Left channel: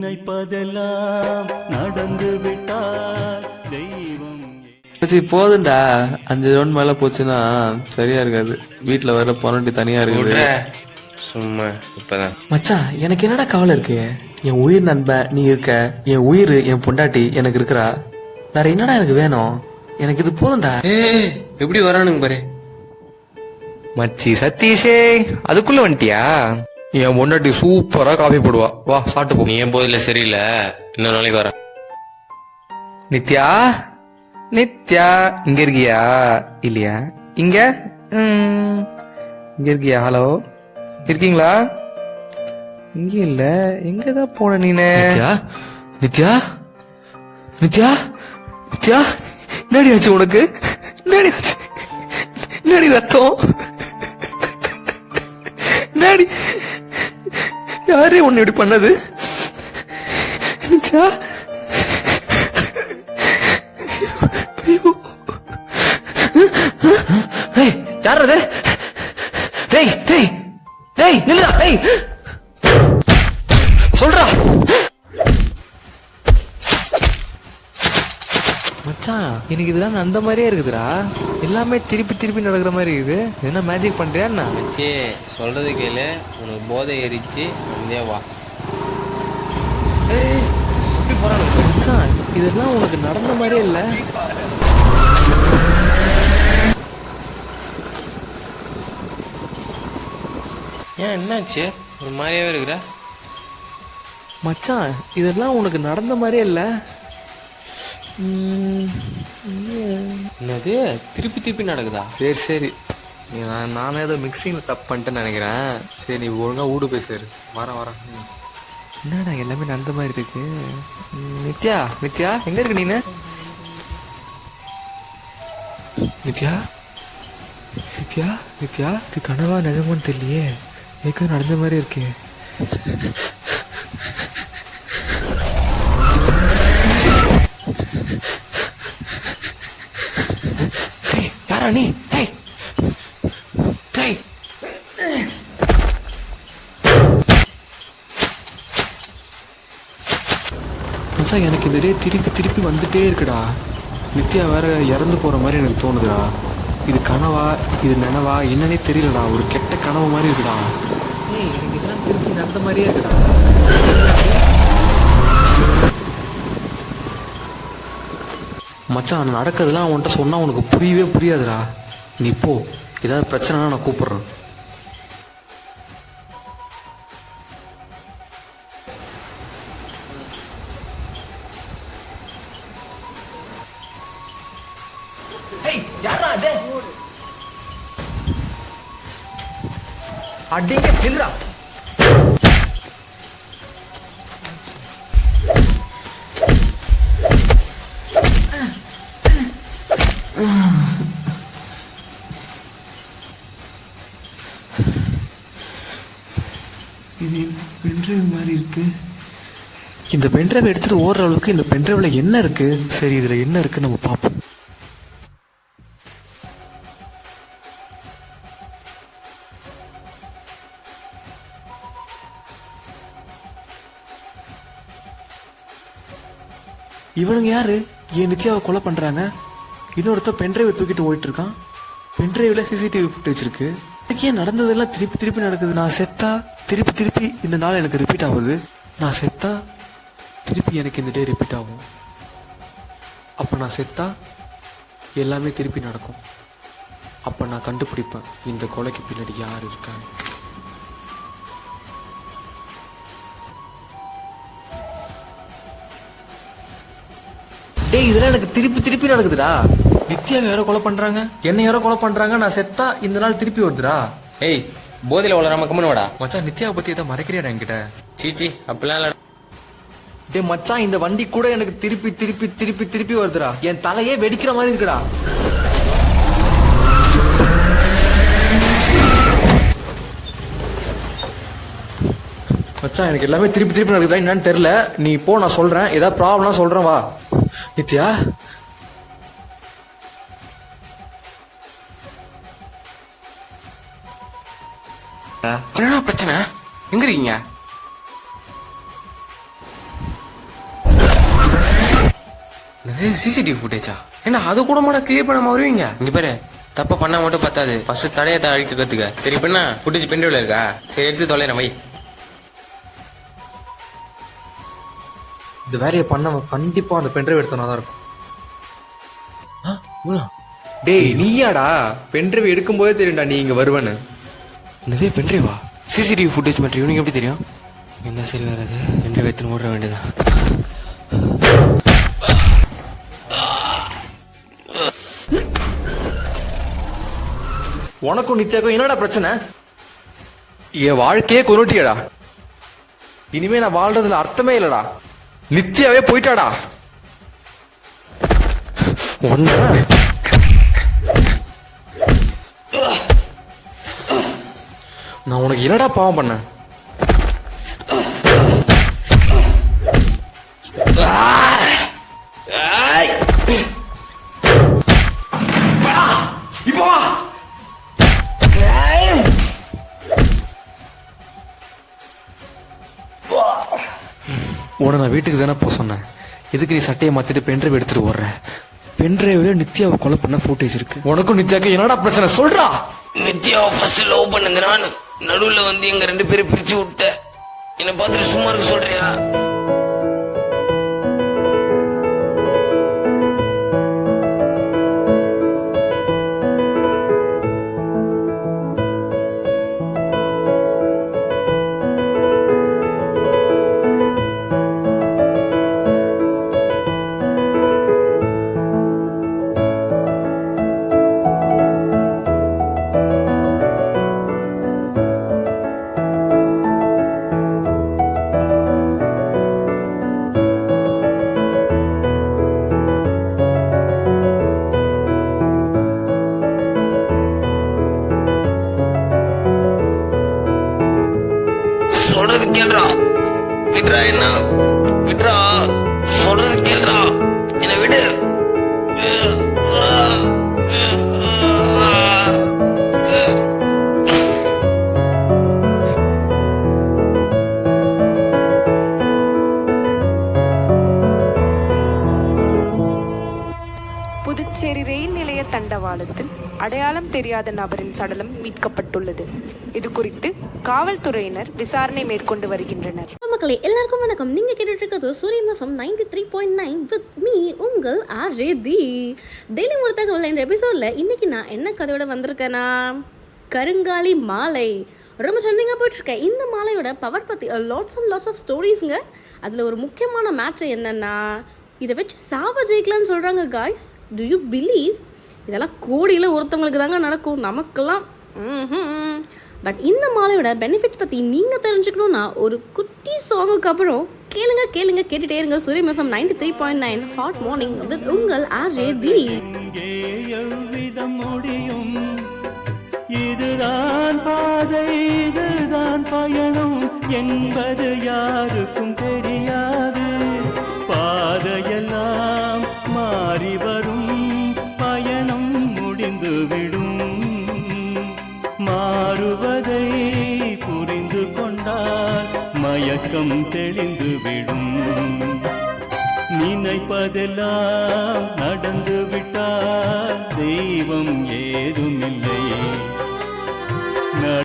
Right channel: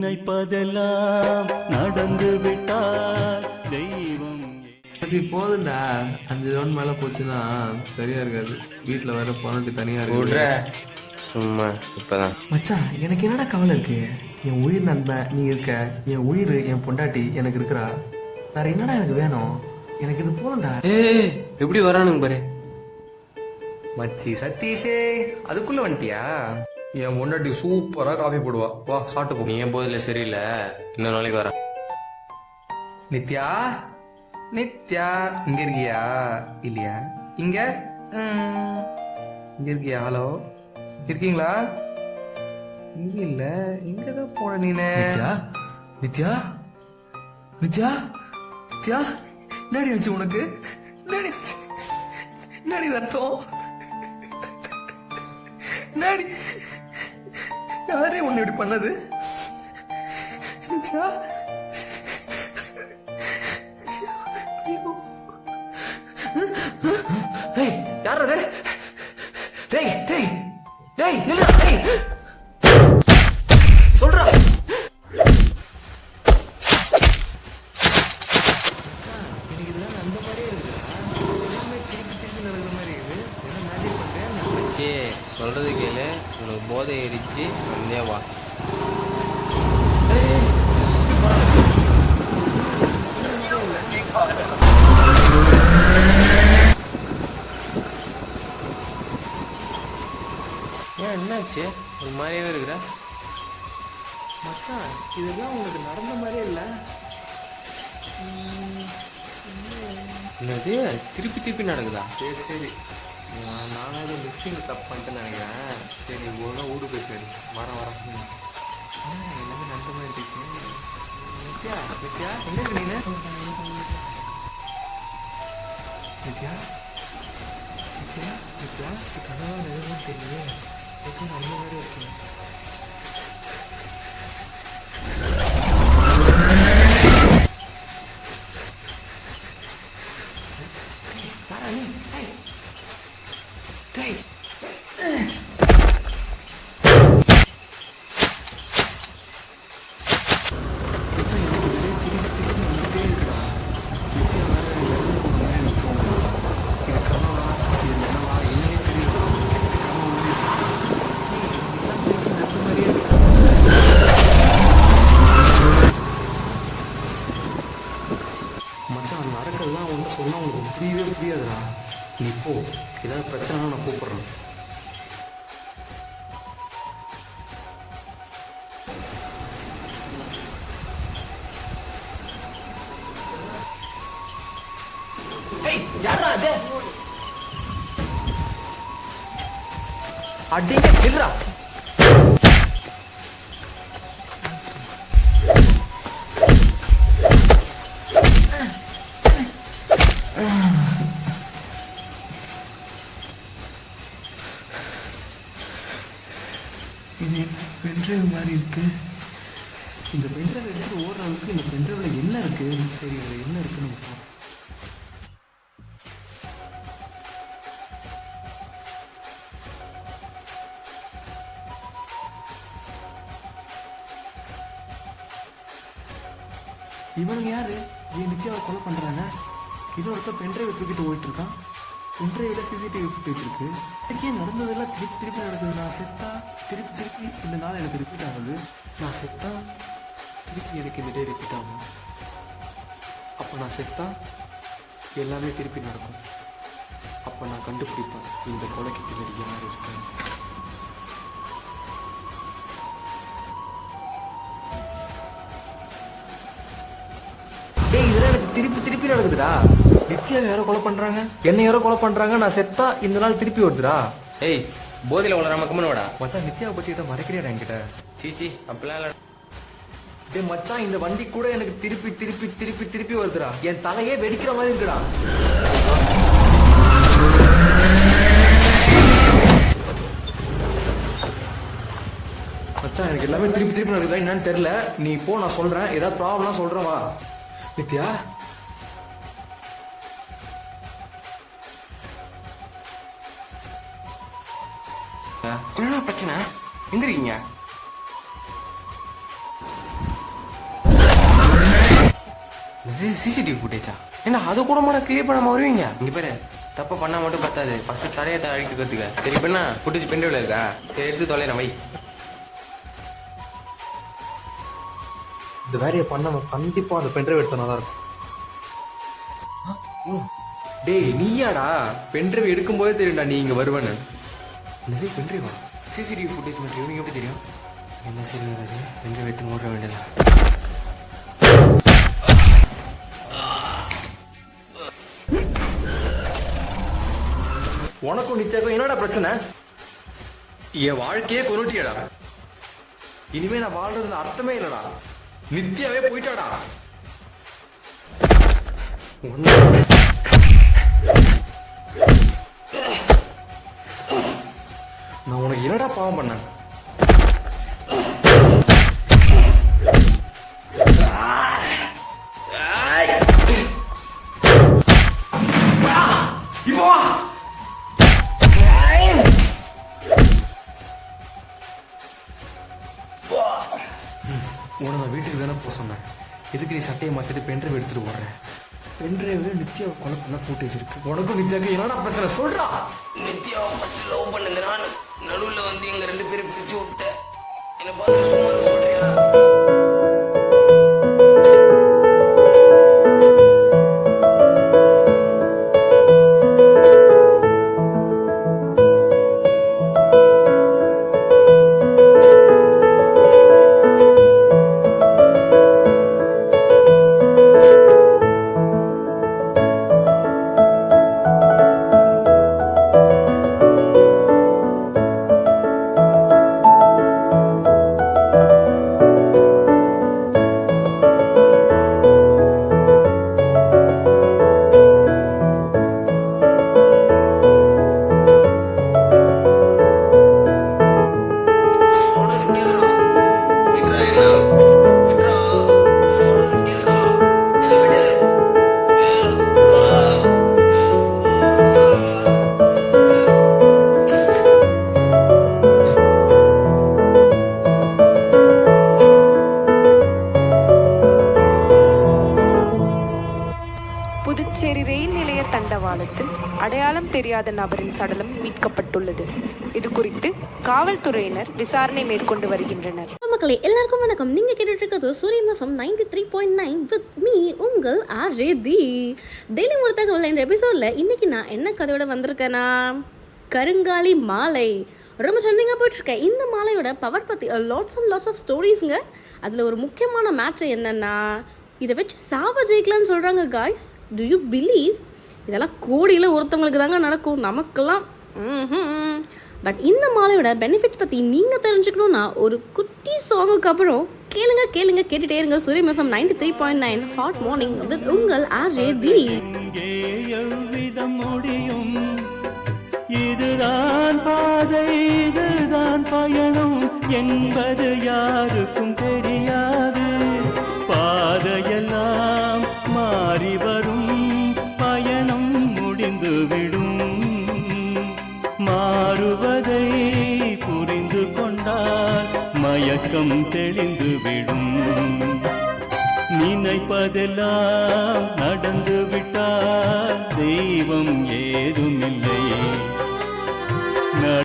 நினைப்பதெல்லாம் நடந்து விட்டால் தெய்வம் போதுண்டா. 5 ரவுண்ட் மேல போச்சுன்னா சரியா இருக்காது. வீட்டுல வர பொண்ணு தனியா இருக்கு. சும்மா இப்பதான் மச்சான், எனக்கு என்னடா கவலை இருக்கு? என் உயிர் நண்பன் நீ இருக்க, என் உயிர் என் பொண்டாட்டி எனக்கு இருக்கிறா. வேற என்னடா எனக்கு வேணும்? எனக்கு இது போதும்டா. எப்படி வரானுங்க பாரு. மச்சி சதீஷே, அதுக்குள்ள வந்துட்டியா? என் பொண்டாட்டி சூப்பரா காஃபி போடுவா. வா சாப்பிட்டு போ. நீ என் போதில சரியில்லை, இன்னொரு நாளைக்கு வர. நித்யா, நித்யா இங்க இருக்கியா? இல்லையா? இங்க இங்க இருக்கியா? ஹலோ, இருக்கீங்களா? இங்க இல்ல, எங்கதான் போன நீனு? நித்யா, நித்யா, நித்யா, நித்யா, என்னடி ஆச்சு உனக்கு? என்னடி ஆச்சு? என்னடி ரத்தம்? என்னடி? யாரே உன்னை இப்படி பண்ணது? நித்யா, ஐயோ, டேய் யார் அது? டேய் டேய் டேய் நில்லுடா. டேய் சொல்றா. மச்சான், எனக்கு இதெல்லாம் அந்த மாதிரியே இருக்குதுடா. எல்லாமே திருப்பி திருப்பி நடக்கிற மாதிரி இருக்குது. என்ன மேஜிக் பண்றியா? மச்சி சொல்றது கேளு, உனக்கு போதை ஏறிச்சு, வந்தே வா. மச்சான், இதெல்லாம் உனக்கு நடந்த மாதிரியே இல்லை. ஏன் என்னாச்சு? ஒரு மாதிரியாவே இருக்கிற. மச்சான், இதெல்லாம் உனக்கு நடந்த மாதிரியே இல்லை. என்னது திருப்பி திருப்பி நடக்குதா? சரி சரி, நானும் ஏதோ மிக்சிங் தப்பு பண்ணிட்டேன்னு நினைக்கிறேன். சரி, நீ ஒழுங்கா வீடு பேசுறாரு. வரேன். என்னடா எல்லாமே நடந்த மாதிரி இருக்கு. நித்யா, நித்யா எங்க இருக்கு நீனு? நித்யா, நித்யா, நித்யா, இது கனவா நிஜமான்னு தெரியலையே. எதுவும் நடந்த மாதிரி இருக்கே. யாரா நீ? எனக்கு இதுலேயே திருப்பி திருப்பி வந்துட்டே இருக்குடா. நித்யா வேற இறந்து போற மாதிரி எனக்கு தோணுதுடா. இது கனவா, இது நனவா என்னன்னே தெரியலடா. ஒரு கெட்ட கனவு மாதிரி இருக்குடா. எனக்கு இதெல்லாம் திருப்பி நடந்த மாதிரியே இருக்குடா. மச்சான், நடக்கிறதுலாம் உன்கிட்ட சொன்னா உனக்கு புரியவே புரியாதுடா. நீ போ, ஏதாவது பிரச்சனைனா நான் கூப்பிடுறேன். அடிங்க நில்றா. இது என்ன பென்ட்ரைவ் மாதிரி இருக்கு? இந்த பென்ட்ரைவ் எடுத்துட்டு ஓடுற அளவுக்கு இந்த பென்ட்ரைவ்ல என்ன இருக்கு? சரி, இதுல என்ன இருக்கு நம்ம பார்ப்போம். இவனுங்க யாரு? என் நித்யாவை கொலை பண்றாங்க. இன்னொருத்த பென்ட்ரைவை தூக்கிட்டு போயிட்டு இருக்கான். பென்ட்ரைவ்ல சிசிடிவி ஃபுட்டேஜ் இருக்கு. எனக்கு ஏன் நடந்ததெல்லாம் திருப்பி திருப்பி நடக்குது? நான் செத்தா திருப்பி திருப்பி இந்த நாள் எனக்கு ரிப்பீட் ஆகுது. நான் செத்தா திருப்பி எனக்கு இந்த டே ரிப்பீட் ஆகும். அப்போ நான் செத்தா எல்லாமே திருப்பி நடக்கும். அப்போ நான் கண்டுபிடிப்பேன் இந்த கொலைக்கு பின்னாடி யார் இருக்காங்க. டேய், இதெல்லாம் எனக்கு திருப்பி திருப்பி நடக்குதுடா. நித்யாவை யாரோ கொலை பண்றாங்க, என்ன யாரோ கொலை பண்றாங்க. நான் செத்தா இந்த நாள் திருப்பி வருதுடா. ஏய், போதையில வளராம கம்மனு வாடா. மச்சான், நித்யாவை பத்தி ஏதோ மறைக்கிறியா என்கிட்ட? சீச்சி, அப்படிலாம் இல்ல. டேய் மச்சான், இந்த வண்டி கூட எனக்கு திருப்பி திருப்பி திருப்பி திருப்பி வருதுடா. என் தலையே வெடிக்கிற மாதிரி இருக்குடா. மச்சான், எனக்கு எல்லாமே திருப்பி திருப்பி நடக்குதா என்னன்னு தெரியல. நீ போ, நான் சொல்றேன். ஏதாவது ப்ராப்ளம் சொல்றேன், வா. நித்யா, என்னடா பிரச்சனை? எங்க இருக்கீங்க? சிசிடிவி ஃபுட்டேஜா என்ன அதை கூட மாட கிளியர் பண்ணாம வருவீங்க? இங்க பாரு, தப்ப பண்ணா மட்டும் பத்தாது, ஃபர்ஸ்ட் தடையத்தை அழிக்க கத்துக்க. சரி இப்ப என்ன ஃபுட்டேஜ் பென்ட்ரைவ்ல இருக்கா? சரி எடுத்து தொலைறேன் வை. இந்த வேலையை பண்ணவன் கண்டிப்பா அந்த பென்ட்ரைவ் எடுத்தனா தான் இருக்கும். டேய் நீயாடா, பென்ட்ரைவ் எடுக்கும்போதே தெரியும்டா நீ இங்க வருவேன்னு. என்னதே பென்ட்ரைவா? சிசிடிவி ஃபுட்டேஜ் மட்டும் இவனுக்கு எப்படி தெரியும்? என்ன சரி வராது, பென்ட்ரைவ் எடுத்து ஓட வேண்டியதான். உனக்கும் நித்யாக்கும் என்னடா பிரச்சனை? என் வாழ்க்கையே கொண்டுட்டியடா. இனிமே நான் வாழ்றதுல அர்த்தமே இல்லடா. நித்யாவே போயிட்டாடா. நான் உனக்கு என்னடா பாவம் பண்ணேன்? உன நான் வீட்டுக்கு தானே போக சொன்னேன். எதுக்கு நீ சட்டையை மாத்திட்டு பென்ட்ரைவ் எடுத்துட்டு ஓடுற? பென்ட்ரைவ்ல நித்யாவை கொலை பண்ண ஃபுட்டேஜ் இருக்கு. உனக்கும் நித்யாவுக்கு என்னடா பிரச்சனை சொல்றா? நித்யாவை ஃபர்ஸ்ட் லவ் பண்ணுங்க, நான் நடுவில் வந்து எங்க 2 பேரும் பிரிச்சு விட்டேன். என்னை பார்த்து சும்மா இருக்க சொல்றியா? புதுச்சேரி ரயில் நிலைய தண்டவாளத்தில் அடையாளம் தெரியாத நபரின் சடலம் மீட்கப்பட்டுள்ளது. இது குறித்து காவல்துறையினர் விசாரணை மேற்கொண்டு வருகின்றனர். மக்களே எல்லாருக்கும் வணக்கம். நீங்க கேட்டுட்டு இருக்கிறது சூரியன் எஃப்எம் 93.9 வித் மீ உங்கள் ஆர்ஜே தி. டெய்லி ஒரு தகவல் என்ற எபிசோட்ல இன்னைக்கு நான் என்ன கதையோட வந்திருக்கேன்னா, கருங்காலி மாலை ரொம்ப ட்ரெண்டிங்காக போயிட்டுருக்கேன். இந்த மாலையோட பவர் பற்றி லாட்ஸ் ஆஃப் ஸ்டோரிஸுங்க. அதில் ஒரு முக்கியமான மேட்ரு என்னென்னா, இதை வச்சு சாவ ஜெயிக்கலான்னு சொல்கிறாங்க காய்ஸ். To you believe? இதெல்லாம் கோடியில் ஒருத்தவங்களுக்கு தாங்க நடக்கும், நமக்கெல்லாம். பட் இந்த மாலையோட பெனிஃபிட்ஸ் பற்றி நீங்கள் தெரிஞ்சுக்கணுன்னா ஒரு குட்டி சாங்குக்கு அப்புறம் கேட்டுகிட்டே இருங்க. சூரியன் எஃப்எம் 93.9 ஹாட் மார்னிங் வித் உங்கள் ஆர்ஜே தி. முடியும், இதுதான் பாதை, இதுதான் பயணம் என்பது யாருக்கும் தெரியாது. பாதையெல்லாம் மாறி வரும், பயணம் முடிந்துவிடும். மாறுவதை புரிந்து கொண்டால் மயக்கம் தெளிந்துவிடும். நினைப்பதெல்லாம் நடந்துவிட்டால் தெய்வம் ஏதுமில்லை.